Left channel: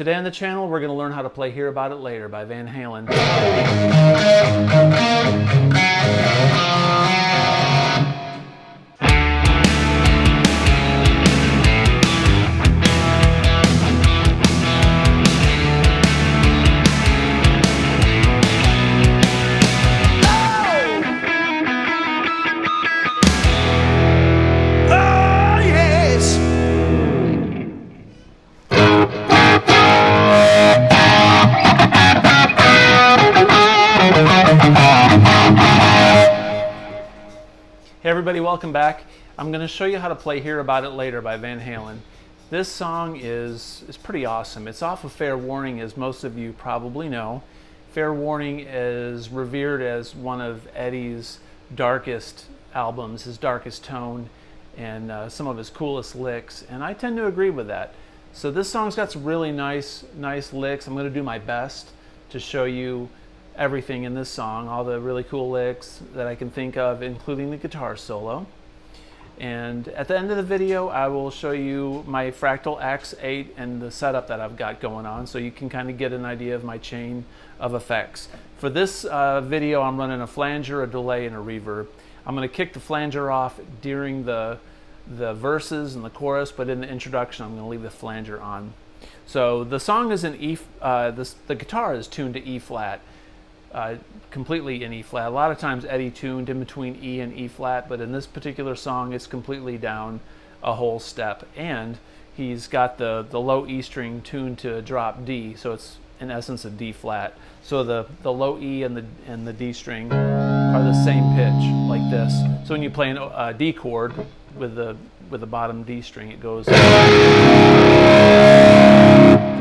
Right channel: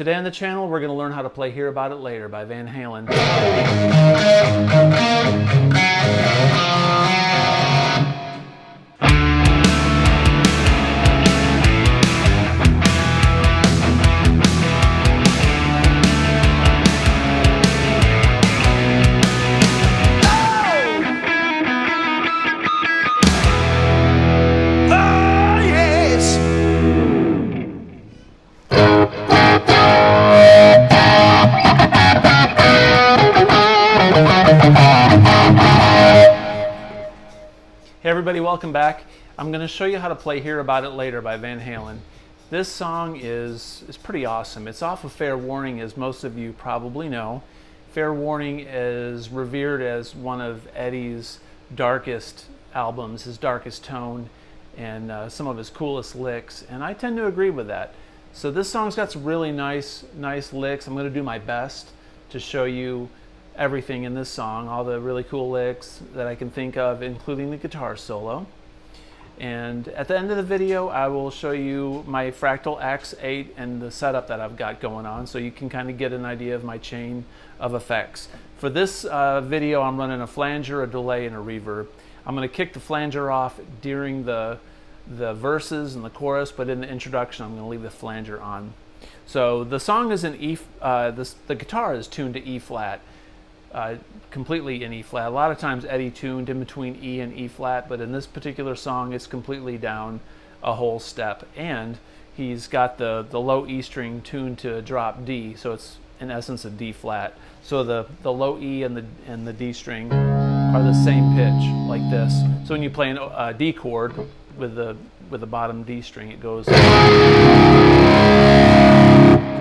Today on the channel, we're going to learn how to play Hear About It Later by Van Halen. Hey everybody, welcome back. I'm going to show you how to play Hear About It Later by Van Halen. This song is pretty awesome. It's off of Fair Warning, as most of you probably know. Fair Warning is revered as one of Eddie's darkest albums, his darkest tone, and some of his coolest licks, and I tend to agree with that. So this song's got some really nice licks. I'm going to do my best to show you everything in this song, all the really cool licks that I can think of, including the guitar solo. And at the end of the video, I will show you my Fractal Ax8 and the setup that I've got going on, so you can kind of get an idea of my chain of effects. For this video, I'm running a flanger, a delay, and a reverb. I'm going to kick the flanger off during the verses and the chorus, but in the introduction, I'm going to leave the flanger on. So the song is in E. The guitar is tuned to E flat. Completely in E flat. A lot of times Eddie tuned in between E and E flat, but in this particular song it's completely down a whole step, and he's got the low E string tuned to drop D, so it's in essence a D flat. So the low E and the D string are the same pitch, like this. So when you play a D chord with the bottom D string, it goes. So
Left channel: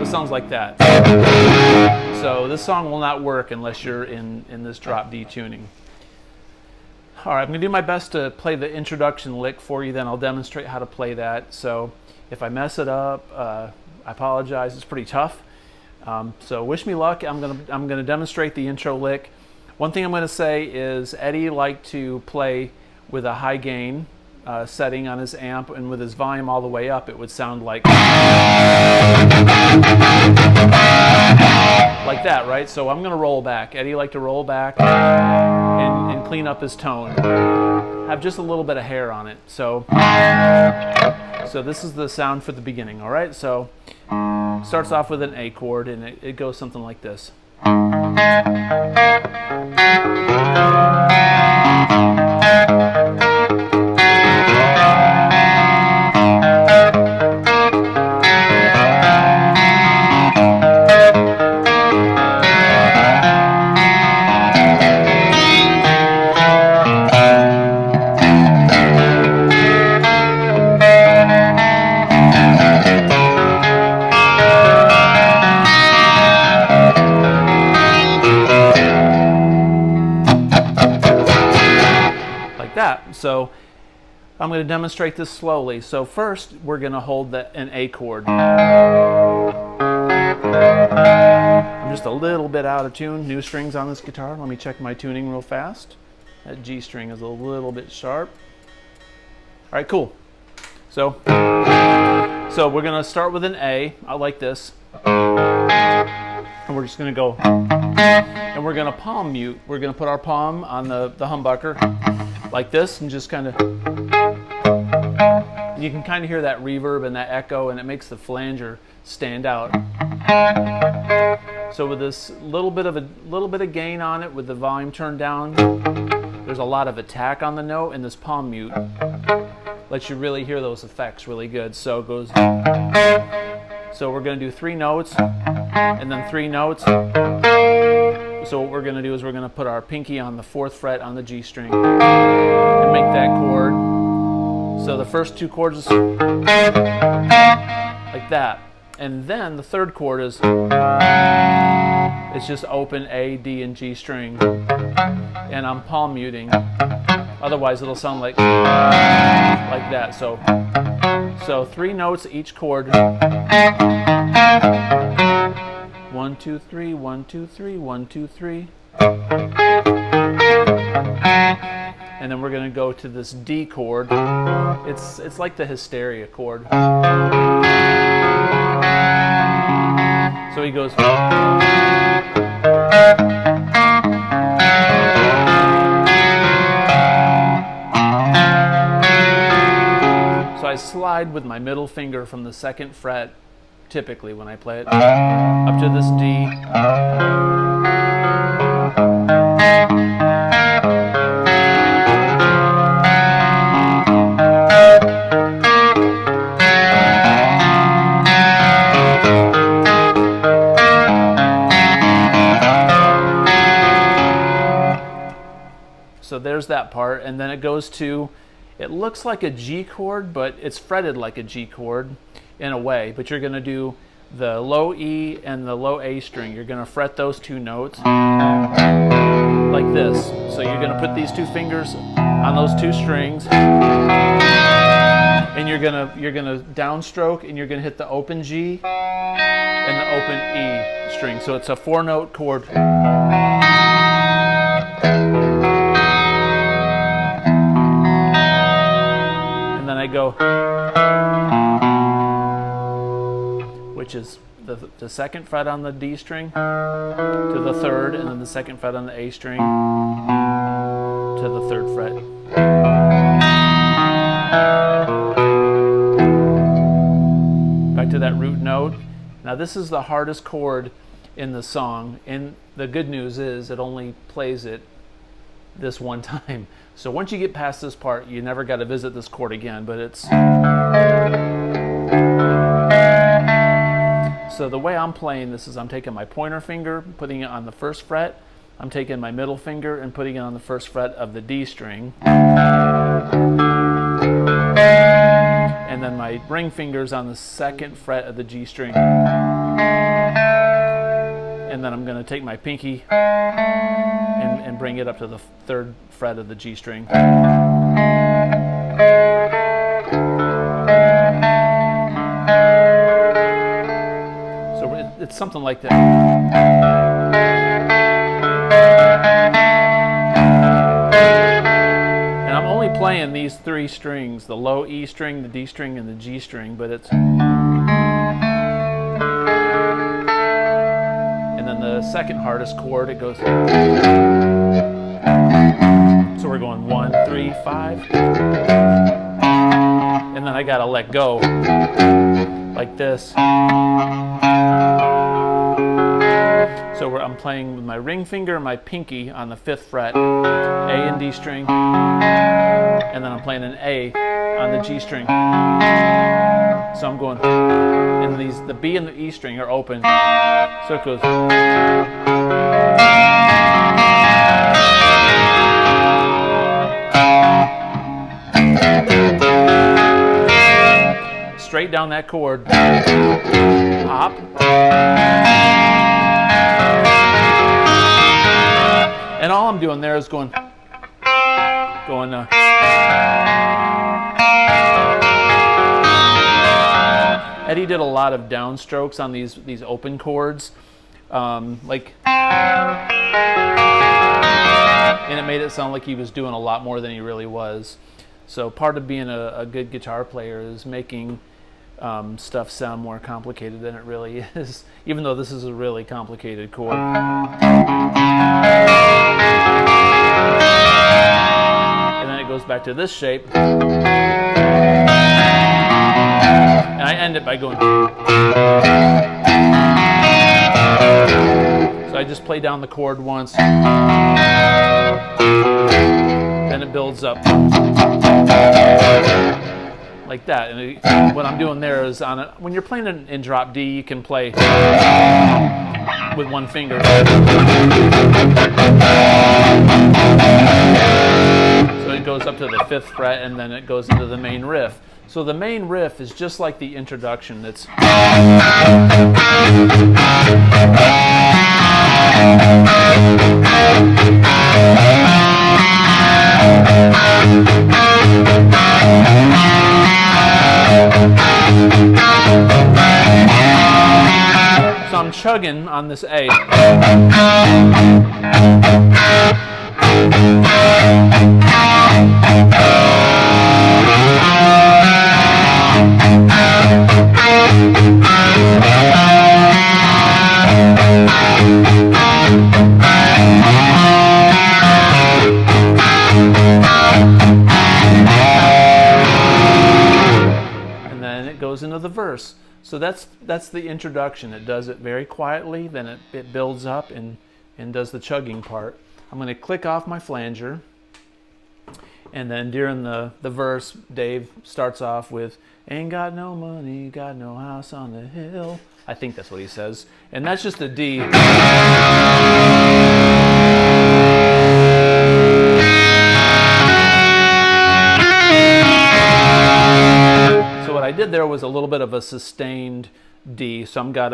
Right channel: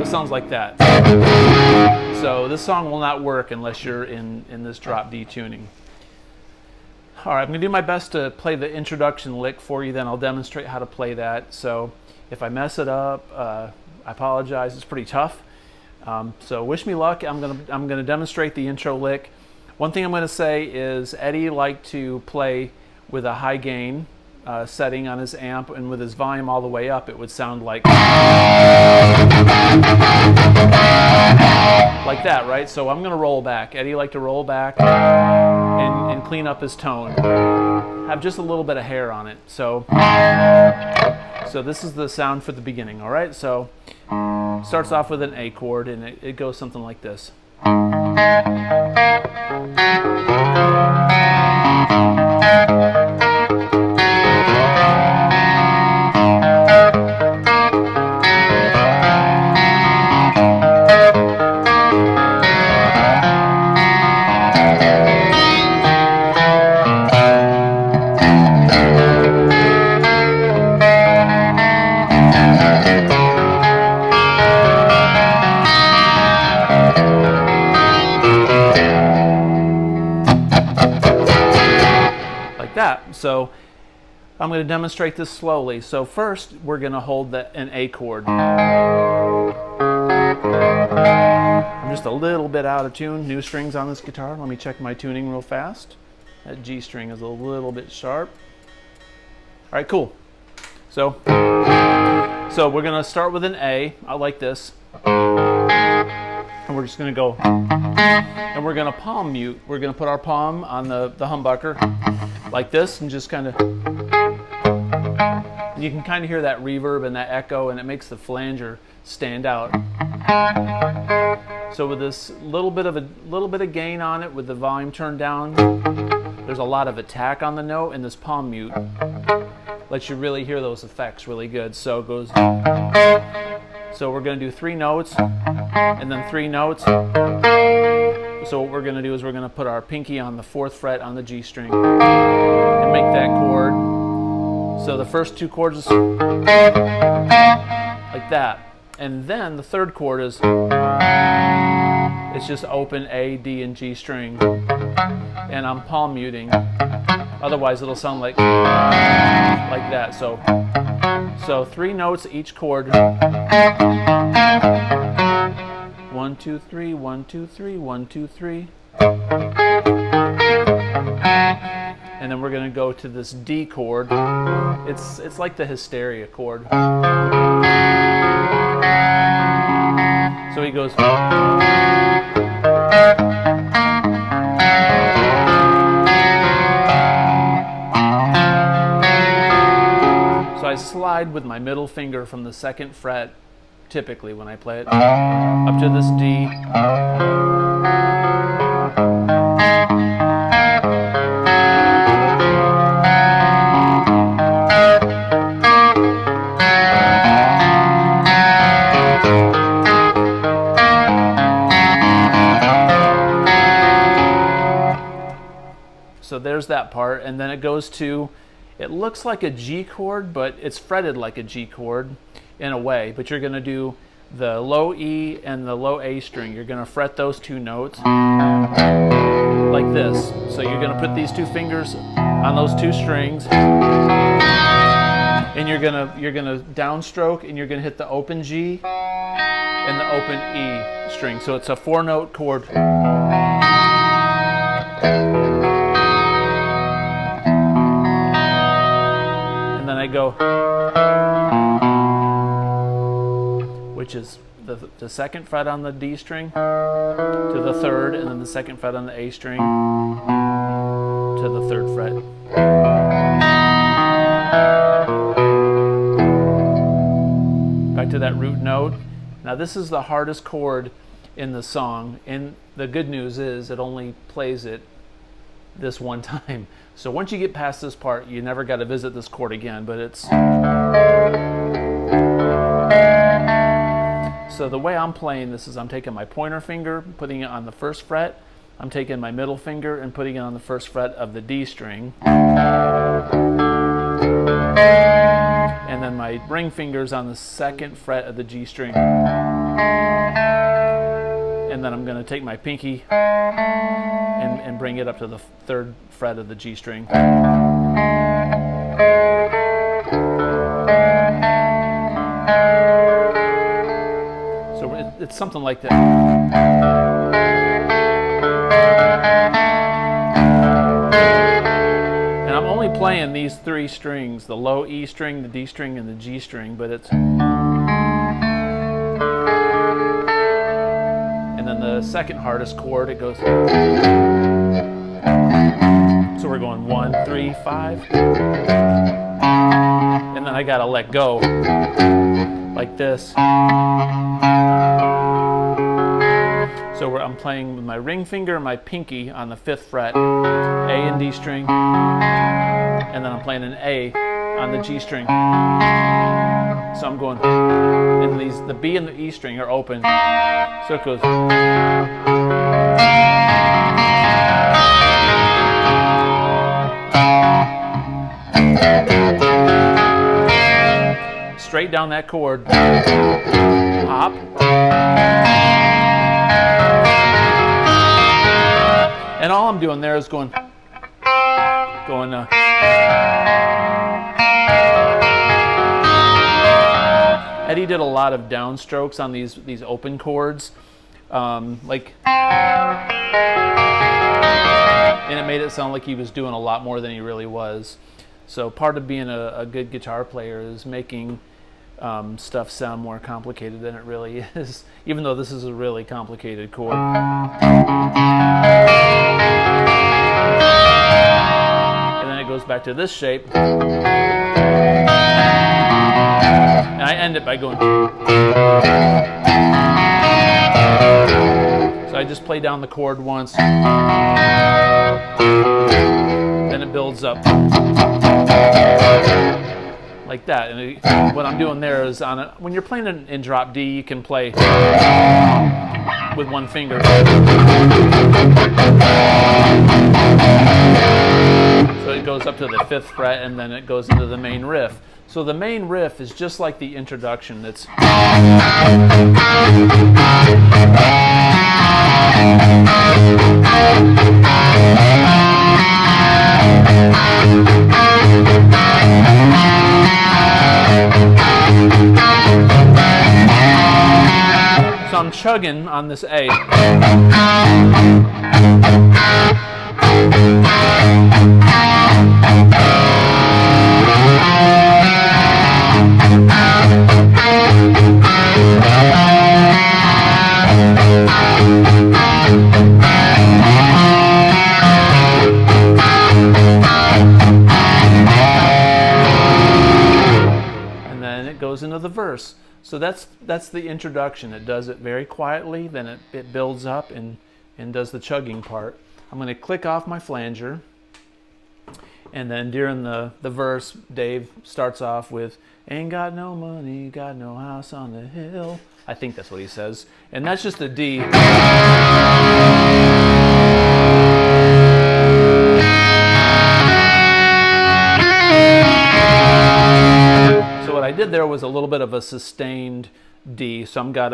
it sounds like that. So this song will not work unless you're in this drop D tuning. All right, I'm going to do my best to play the introduction lick for you, then I'll demonstrate how to play that. So if I mess it up, I apologize. It's pretty tough. So wish me luck. I'm going to demonstrate the intro lick. One thing I'm going to say is Eddie liked to play with a high gain setting on his amp, and with his volume all the way up, it would sound like that, right? So I'm going to roll back. Eddie liked to roll back and clean up his tone. Have just a little bit of hair on it. So this is the sound for the beginning, all right? So starts off with an A chord, and it goes something like this. That. So I'm going to demonstrate this slowly. So first we're going to hold an A chord. I'm just a little bit out of tune. New strings on this guitar. Let me check my tuning real fast. That G string is a little bit sharp. All right, cool. So we're going to start with an A. I like this. And we're just going to go, and we're going to palm mute. We're going to put our palm on the humbucker like this, and just kind of, you can kind of hear that reverb and that echo, and it makes the flanger stand out. So with this little bit of gain on it, with the volume turned down, there's a lot of attack on the note, and this palm mute lets you really hear those effects really good. So it goes. So we're going to do 3 notes, and then 3 notes. So what we're going to do is we're going to put our pinky on the 4th fret on the G string and make that chord. So the first 2 chords is like that. And then the 3rd chord is, it's just open A, D, and G string. And I'm palm muting. Otherwise it'll sound like that. So 3 notes each chord. 1, 2, 3, 1, 2, 3, 1, 2, 3. And then we're going to go to this D chord. It's like the hysteria chord. So he goes. So I slide with my middle finger from the 2nd fret, typically when I play it, up to this D. So there's that part, and then it goes to, it looks like a G chord, but it's fretted like a G chord in a way, but you're going to do the low E and the low A string. You're going to fret those 2 notes like this. So you're going to put these 2 fingers on those 2 strings, and you're going to downstroke, and you're going to hit the open G and the open E string. So it's a 4-note chord. Then I go, which is the 2nd fret on the D string to the 3rd, and then the 2nd fret on the A string to the 3rd fret. Back to that root note. Now this is the hardest chord in the song, and the good news is it only plays it this one time. So once you get past this part, you never got to visit this chord again, but it's... So the way I'm playing this is I'm taking my pointer finger, putting it on the 1st fret. I'm taking my middle finger and putting it on the 1st fret of the D string. And then my ring finger's on the 2nd fret of the G string. And then I'm going to take my pinky and bring it up to the 3rd fret of the G string. So it's something like that. And I'm only playing these 3 strings, the low E string, the D string, and the G string, but it's... And then the 2nd hardest chord, it goes... So we're going 1, 3, 5. And then I gotta let go, like this. So I'm playing with my ring finger and my pinky on the 5th fret, A and D string, and then I'm playing an A on the G string. So I'm going, and the B and the E string are open. So it goes. Straight down that chord, hop, and all I'm doing there is going. Eddie did a lot of downstrokes on these open chords, and it made it sound like he was doing a lot more than he really was. So part of being a good guitar player is making stuff sound more complicated than it really is, even though this is a really complicated chord. And then it goes back to this shape. And I end it by going. So I just play down the chord once. Then it builds up. Like that. And what I'm doing there is when you're playing in drop D, you can play with one finger. So it goes up to the 5th fret, and then it goes into the main riff. So the main riff is just like the introduction. It's so I'm chugging on this A. the verse. So that's the introduction. It does it very quietly, then it builds up and does the chugging part. I'm going to click off my flanger, and then during the verse, Dave starts off with, "Ain't got no money, got no house on the hill." I think that's what he says. And that's just a D. So what I did there was a little bit of a sustained D. So got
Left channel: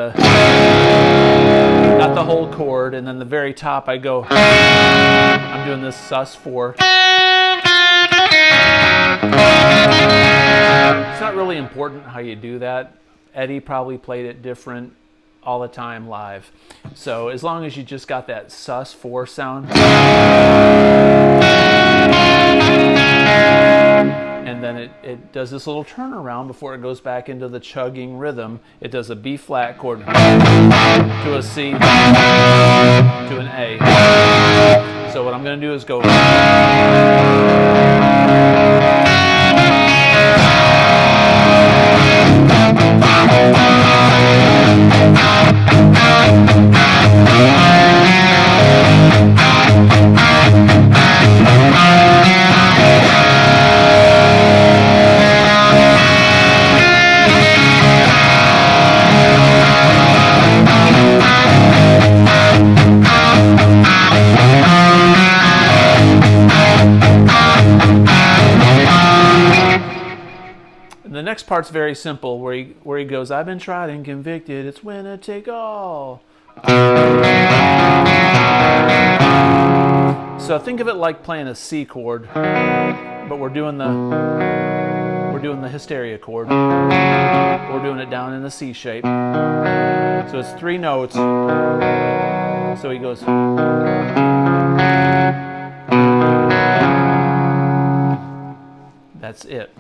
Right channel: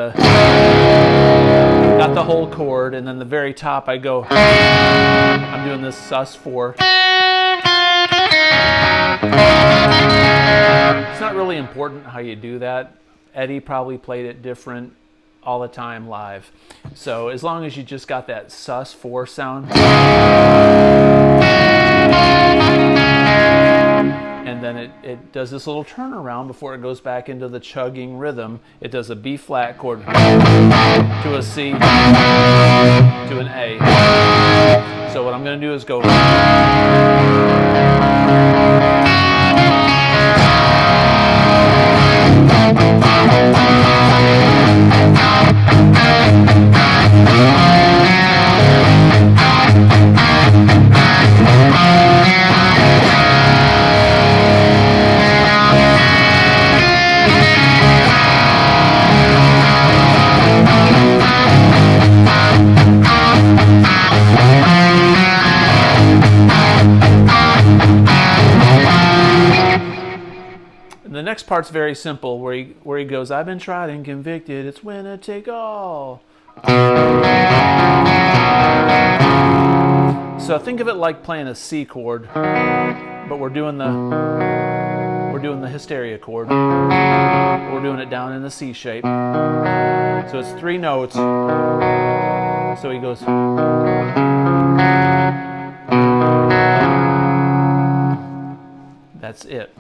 the whole chord, and then the very top I go, I'm doing this sus4. It's not really important how you do that. Eddie probably played it different all the time live. So as long as you just got that sus4 sound, and then it does this little turnaround before it goes back into the chugging rhythm. It does a B flat chord to a C to an A. So what I'm going to do is go. The next part's very simple, where he goes, "I've been tried and convicted, it's winner take all." So think of it like playing a C chord, but we're doing the hysteria chord. We're doing it down in the C shape. So it's 3 notes. So he goes. That's it.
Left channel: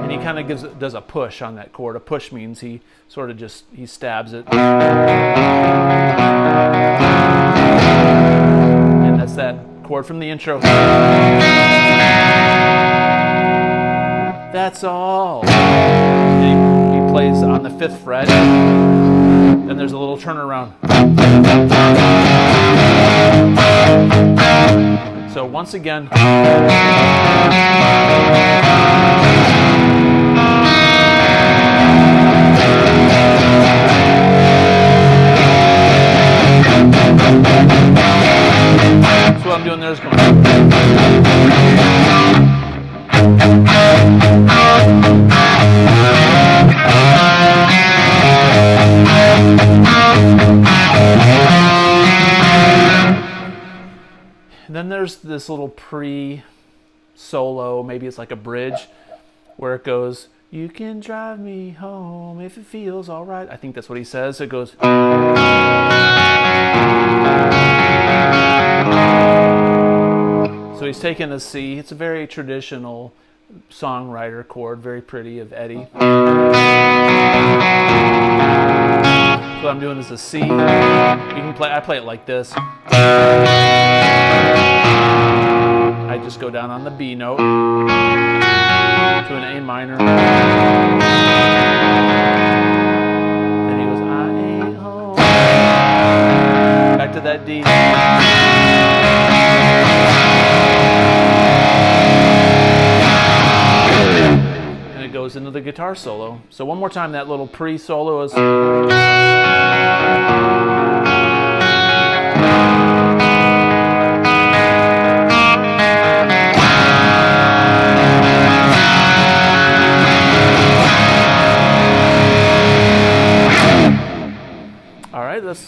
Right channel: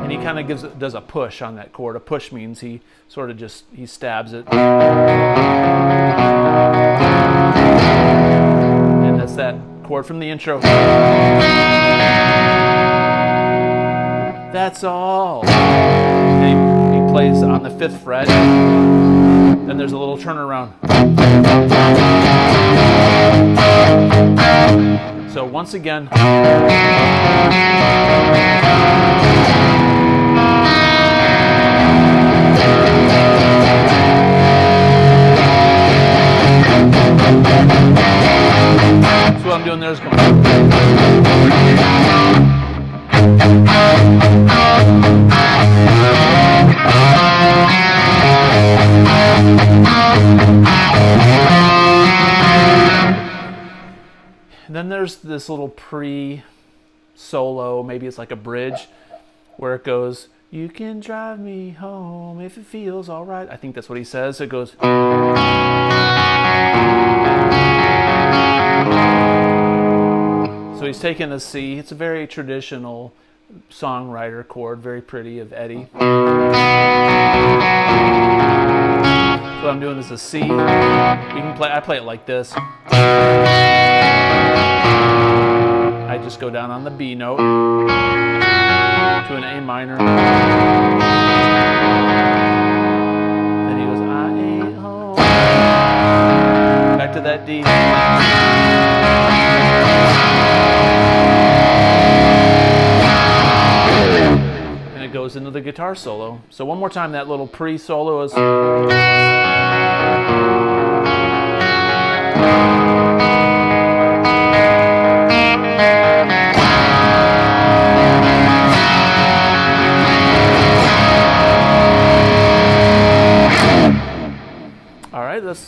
And he kind of does a push on that chord. A push means he sort of he stabs it. And that's that chord from the intro. That's all. And he plays on the 5th fret. Then there's a little turnaround. So once again, so what I'm doing there is going. And then there's this little pre-solo, maybe it's like a bridge, where it goes, "You can drive me home if it feels all right." I think that's what he says. It goes. So he's taking a C. It's a very traditional songwriter chord, very pretty of Eddie. So what I'm doing is a C. You can play. I play it like this. I just go down on the B note to an A minor. Then he goes, "I ain't home." Back to that D. And it goes into the guitar solo. So one more time, that little pre-solo is.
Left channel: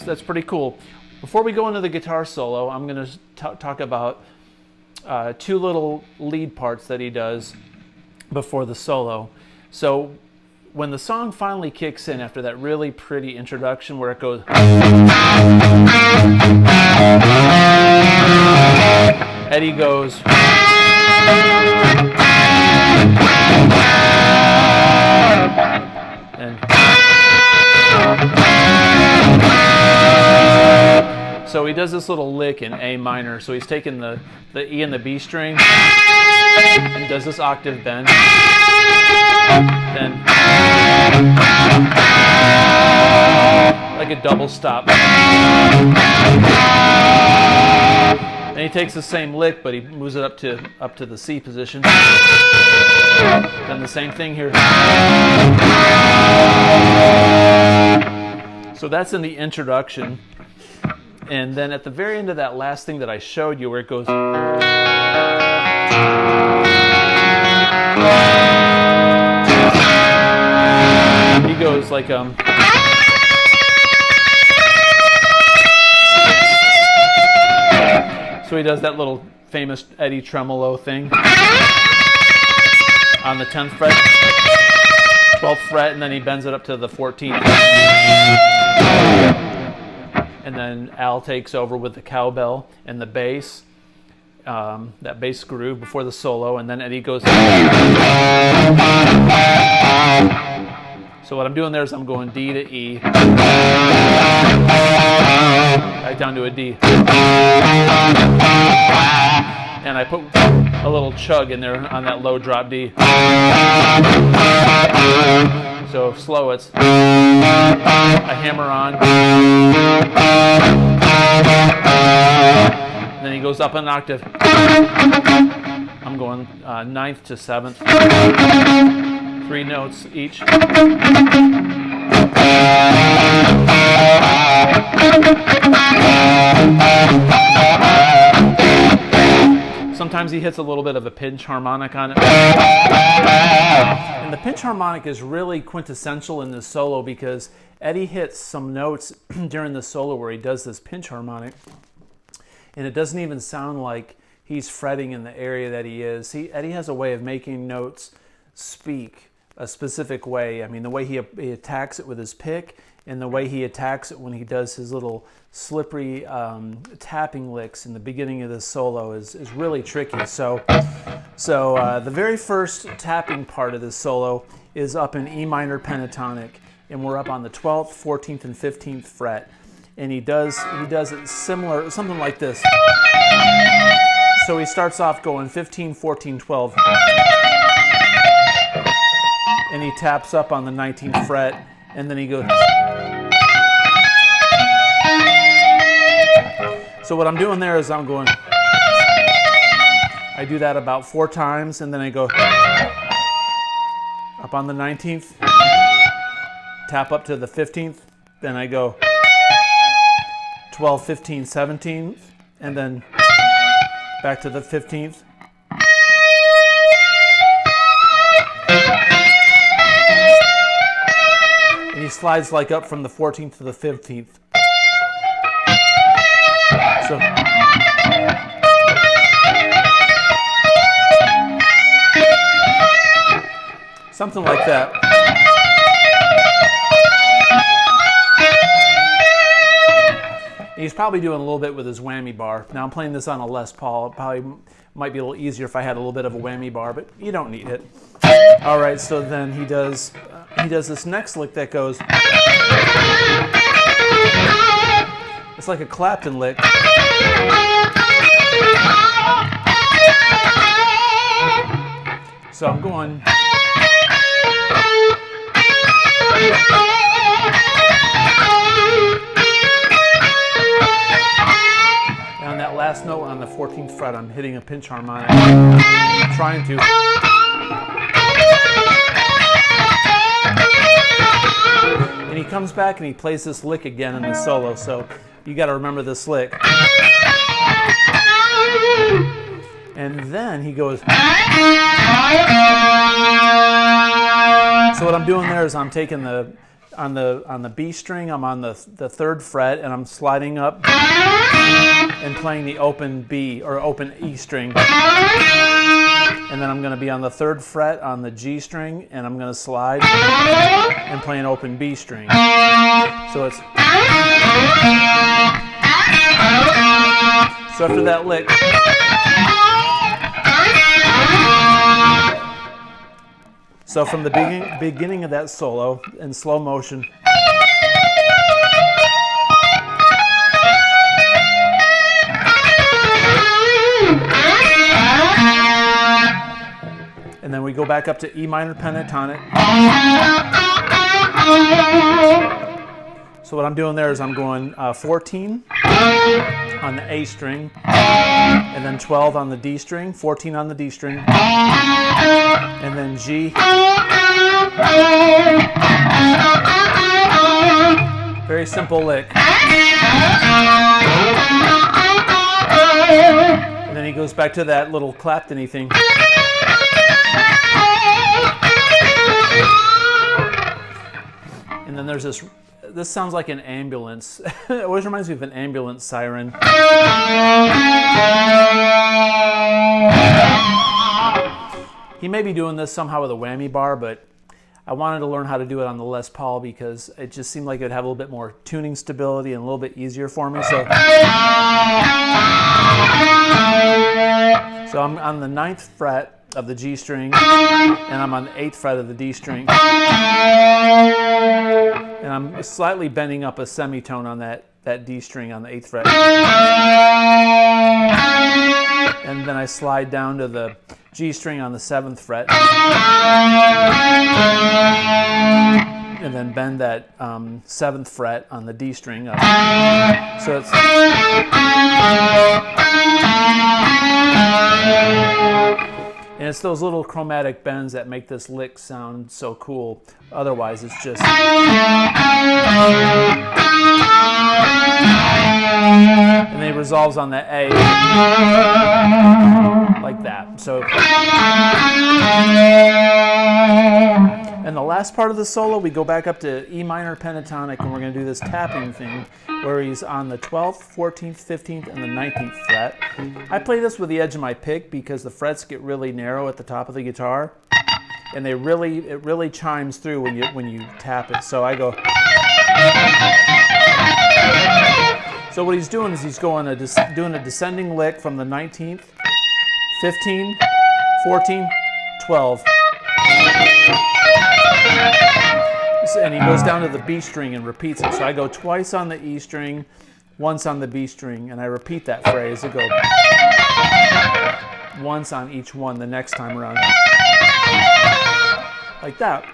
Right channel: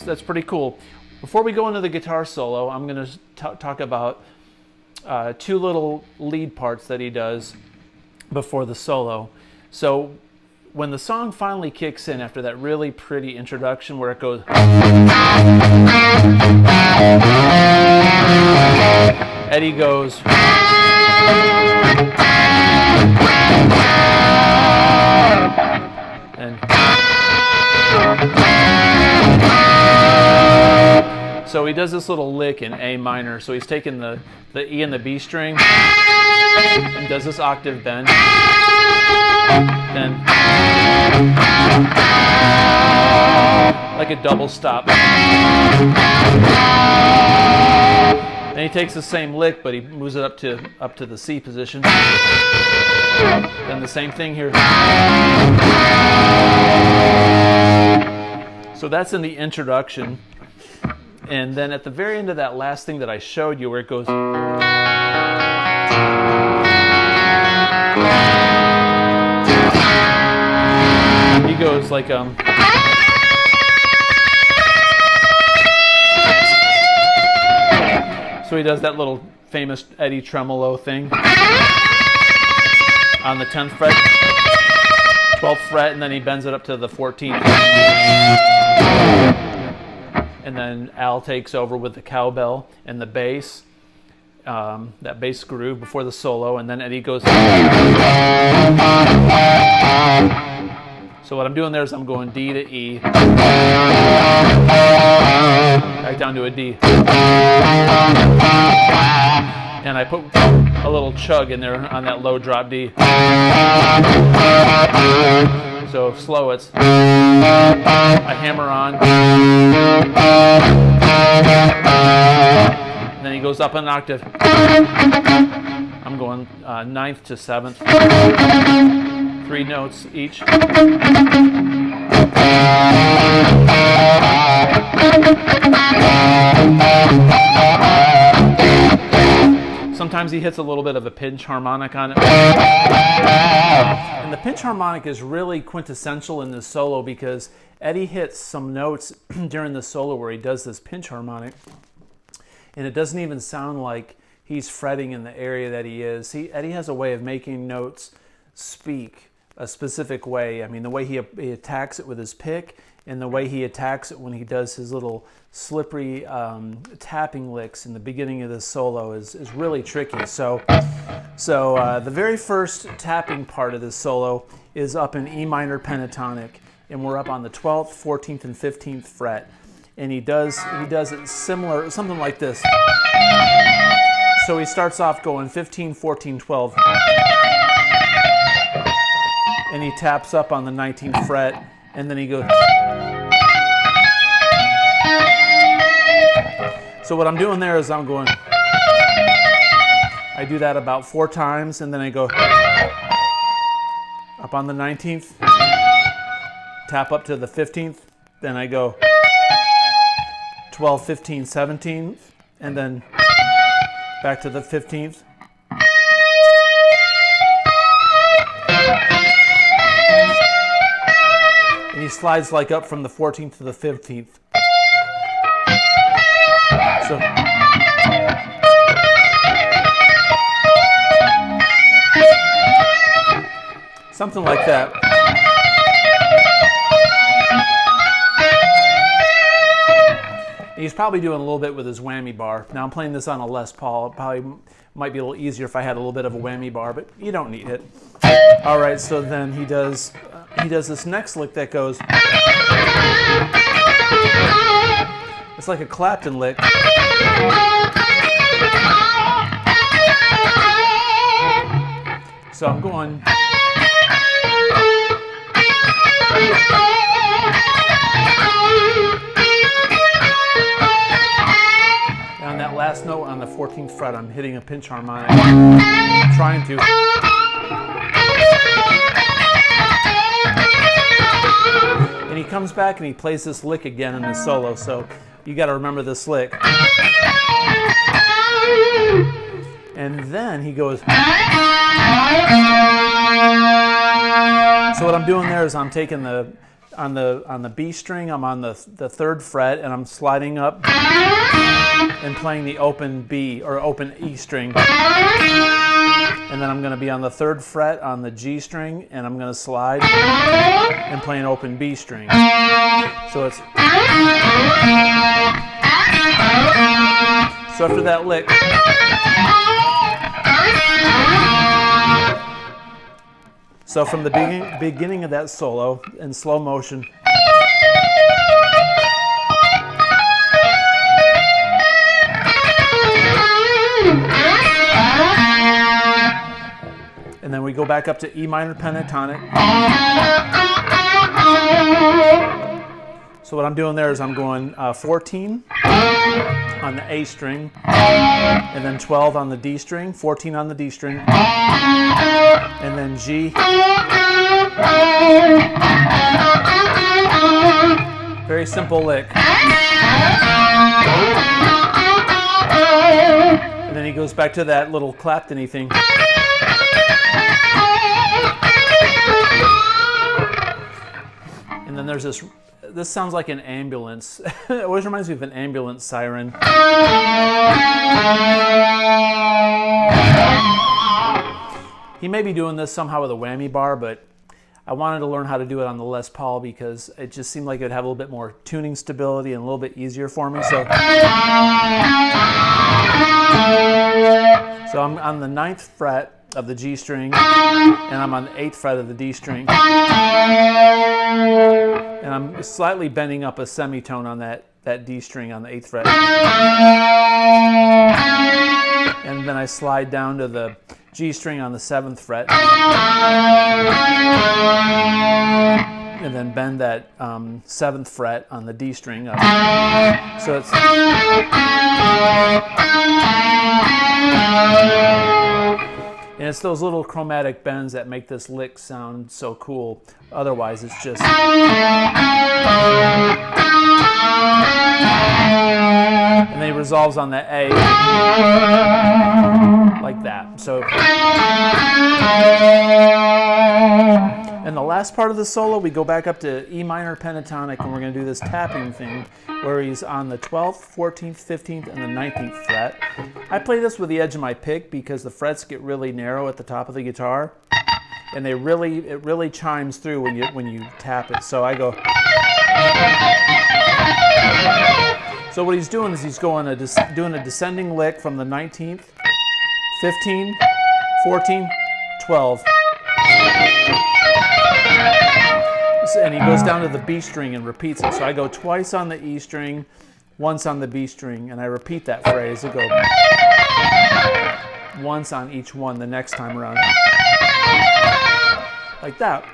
That's pretty cool. Before we go into the guitar solo, I'm going to talk about 2 little lead parts that he does before the solo. So when the song finally kicks in after that really pretty introduction where it goes, Eddie goes, and so he does this little lick in A minor. So he's taking the E and the B string, and does this octave bend. Then like a double stop. Then he takes the same lick, but he moves it up to the C position. Then the same thing here. So that's in the introduction. And then at the very end of that last thing that I showed you, where it goes, he goes like so he does that little famous Eddie tremolo thing on the 10th fret, 12th fret, and then he bends it up to the 14th. And then Al takes over with the cowbell and the bass, that bass groove before the solo, and then Eddie goes. So what I'm doing there is I'm going D to E, back down to a D, and I put a little chug in there on that low drop D. So slow, it's I hammer on, and then he goes up an octave. I'm going 9th to 7th, 3 notes each. Sometimes he hits a little bit of a pinch harmonic on it. And the pinch harmonic is really quintessential in this solo because Eddie hits some notes during the solo where he does this pinch harmonic, and it doesn't even sound like he's fretting in the area that he is. Eddie has a way of making notes speak a specific way. I mean, the way he attacks it with his pick, and the way he attacks it when he does his little slippery tapping licks in the beginning of this solo is really tricky. So the very first tapping part of this solo is up in E minor pentatonic, and we're up on the 12th, 14th, and 15th fret. And he does it similar, something like this. So he starts off going 15, 14, 12, and he taps up on the 19th fret, and then he goes. So what I'm doing there is I do that about 4 times, and then I go up on the 19th, tap up to the 15th, then I go 12, 15, 17, and then back to the 15th. And he slides like up from the 14th to the 15th. So something like that. He's probably doing a little bit with his whammy bar. Now I'm playing this on a Les Paul. It probably might be a little easier if I had a little bit of a whammy bar, but you don't need it. All right, so then he does this next lick that goes. It's like a Clapton lick. So I'm going. And on that last note on the 14th fret, I'm hitting a pinch harmonic. I'm trying to. And he comes back and he plays this lick again in the solo, so you got to remember this lick. And then he goes. So what I'm doing there is I'm taking on the B string, I'm on the 3rd fret, and I'm sliding up and playing the open B or open E string. And then I'm going to be on the 3rd fret on the G string, and I'm going to slide and play an open B string. So it's. So after that lick. So from the beginning of that solo in slow motion. and then we go back up to E minor pentatonic. So what I'm doing there is I'm going 14 on the A string, and then 12 on the D string, 14 on the D string, and then G, very simple lick. And then he goes back to that little Clapton-y thing. And then there's this sounds like an ambulance. It always reminds me of an ambulance siren. He may be doing this somehow with a whammy bar, but I wanted to learn how to do it on the Les Paul because it just seemed like it would have a little bit more tuning stability and a little bit easier for me. So I'm on the 9th fret of the G string, and I'm on the 8th fret of the D string. And I'm slightly bending up a semitone on that D string on the 8th fret. And then I slide down to the G string on the 7th fret. And then bend that 7th fret on the D string up. So it's... And it's those little chromatic bends that make this lick sound so cool. Otherwise, it's just... And then he resolves on the A, like that. So... And the last part of the solo, we go back up to E minor pentatonic, and we're going to do this tapping thing where he's on the 12th, 14th, 15th, and the 19th fret. I play this with the edge of my pick because the frets get really narrow at the top of the guitar, and it really chimes through when you tap it. So I go. So what he's doing is he's going doing a descending lick from the 19th, 15, 14, 12. And he goes down to the B string and repeats it. So I go twice on the E string, once on the B string, and I repeat that phrase. I go once on each one the next time around. Like that.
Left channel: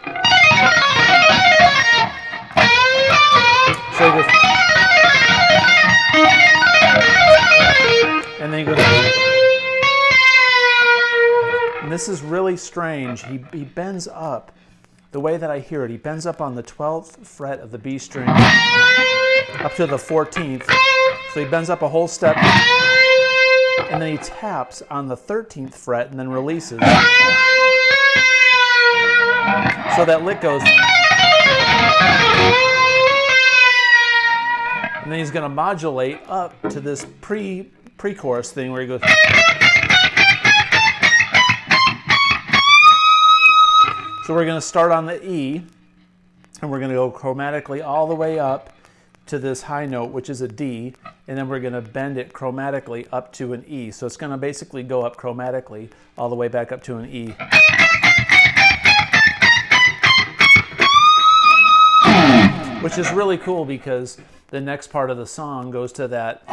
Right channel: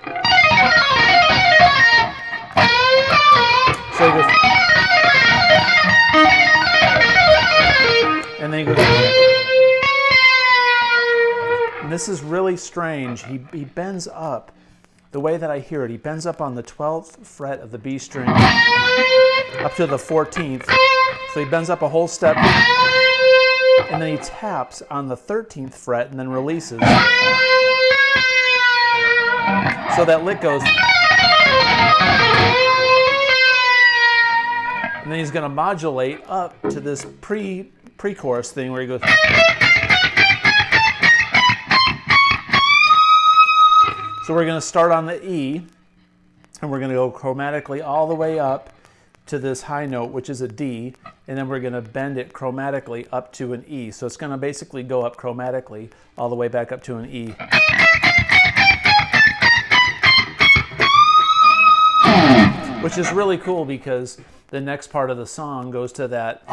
So he goes, and then he goes, and this is really strange. He bends up. The way that I hear it, he bends up on the 12th fret of the B string up to the 14th. So he bends up a whole step, and then he taps on the 13th fret and then releases. So that lick goes. And then he's going to modulate up to this pre-chorus thing where he goes. So we're going to start on the E, and we're going to go chromatically all the way up to this high note, which is a D, and then we're going to bend it chromatically up to an E. So it's going to basically go up chromatically all the way back up to an E. Which is really cool because the next part of the song goes to that.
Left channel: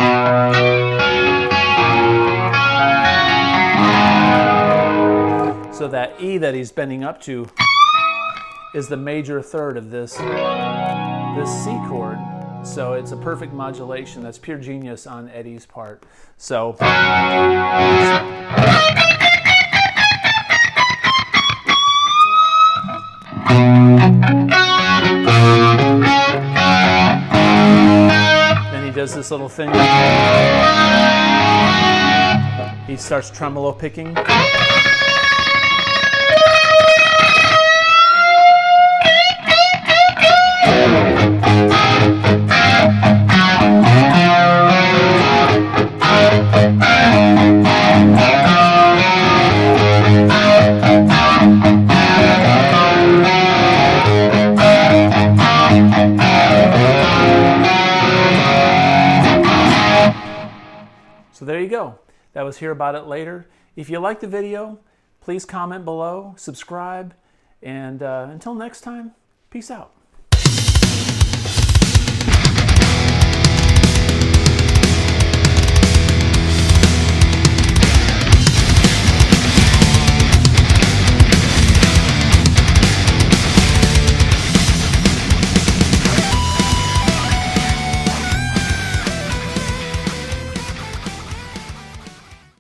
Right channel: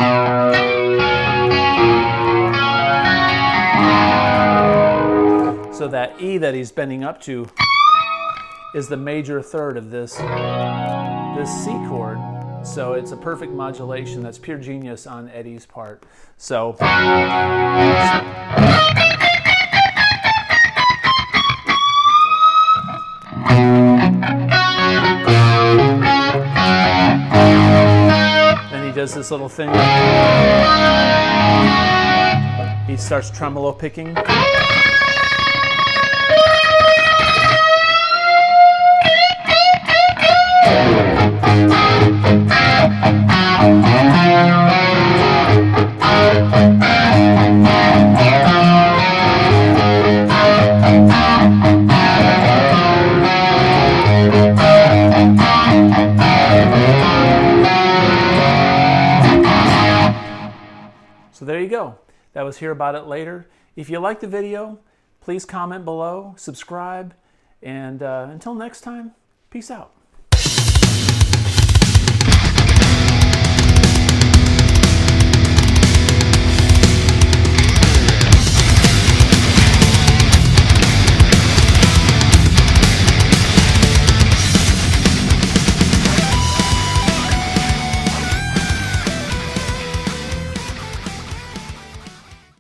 So that E that he's bending up to is the major third of this C chord. So it's a perfect modulation. That's pure genius on Eddie's part. So then he does this little thing. He starts tremolo picking. So there you go. That was Hear About It Later. If you liked the video, please comment below, subscribe, and until next time, peace out.